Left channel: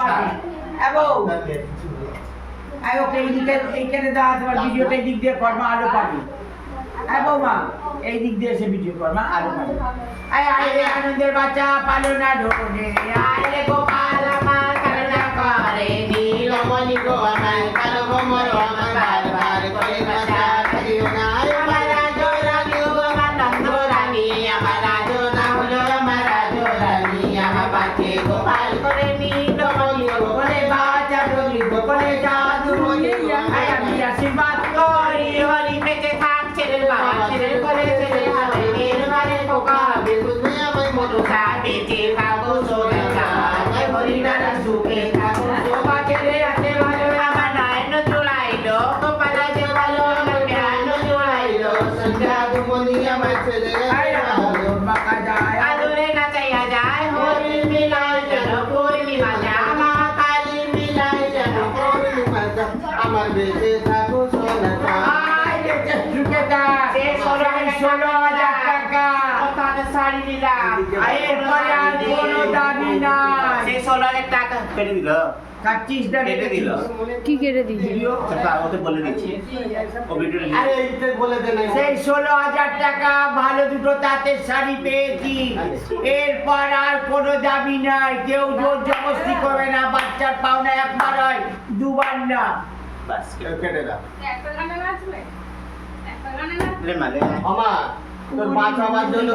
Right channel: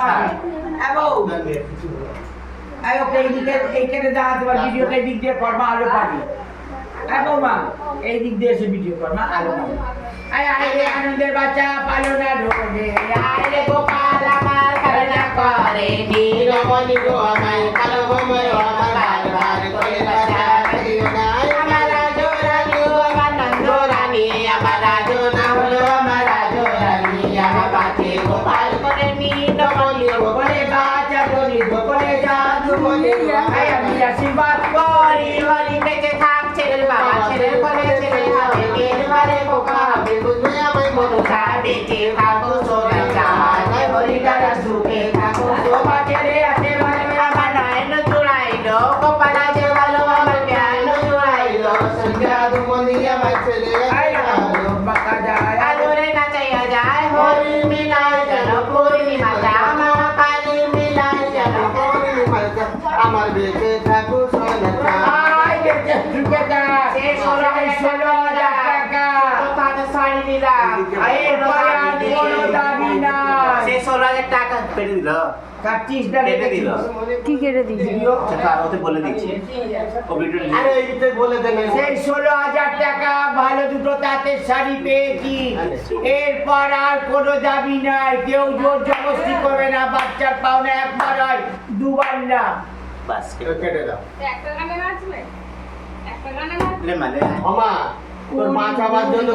পাবে এবং এইখানে দেখা তোমার ভিডিওটা এই দিক দিয়ে কর্মা আরো পাবে এবং মা এই দিক দিয়ে এসে ভিডিও কর্মা আরো পাবে আয় আয় রে আনন্দের বাচ্চা পালো না ঢোলে আয় রে গোপাল আমার কারণা করে নীলমণি গো আমার কালো গোমর আমার বারবার করে বাচ্চা করিও না আমার রাজরানী গো আমার নন্দরানী আমার রাজনা হলো আমার রাজরানী আমার পাখি গোপাল করে নীলমণি গো করে বাচ্চা ডলি গো করে জাদু বলে আয় আমি আশীর্বাদ করি হরি বেঁচে থাক ছেলের বাবা ছেলের করে ছেলের হবে মেয়ের বারে পোকা হবে বুঝবে আমার মতো বেঁচে থাকো সোনা চাঁদ হরিদারা সুখে থাকো সোমাকে রে আছে বলে আমার নয়ন চুড়াইলো গোপাল আছে ভালো আমার জ্ঞান চুড়াইলো সন্ধ্যা দুমনি আমার ছেলে বাঁকা যায় আদরে নাচাইয়া যায় হরি মিলাই যেন পূর্ণিমা জামা কালী মিলাই যেন পূর্ণিমা আমার বেঁচে থাকো সোনা চাঁদ বেঁচে থাকো সে 16,000 টাকা কথা শাড়ি দিলাম এরপরে আর কোনো দাবি নাই সে 16,000 টাকা পেটে দিল কাটছিস না কেটে দিল কি কেটে দিল ভিডিও ওতে বলে দিচ্ছি ও ভিডিও আরে এইতে বলে দেন সেই 16,000 টাকা ভালো দুটো তাঁতের শাড়ি পেয়েছি এরপর আর কোনো দাবি নাই কেউ জোর জবরদস্তি করে না বাচ্চার পাওনা একবার হয় দুবার না বাস কেটে দাও একটা গানে নাচবে একটা গানে নাচবে রে মানে মামা তোর মা চাবার জন্য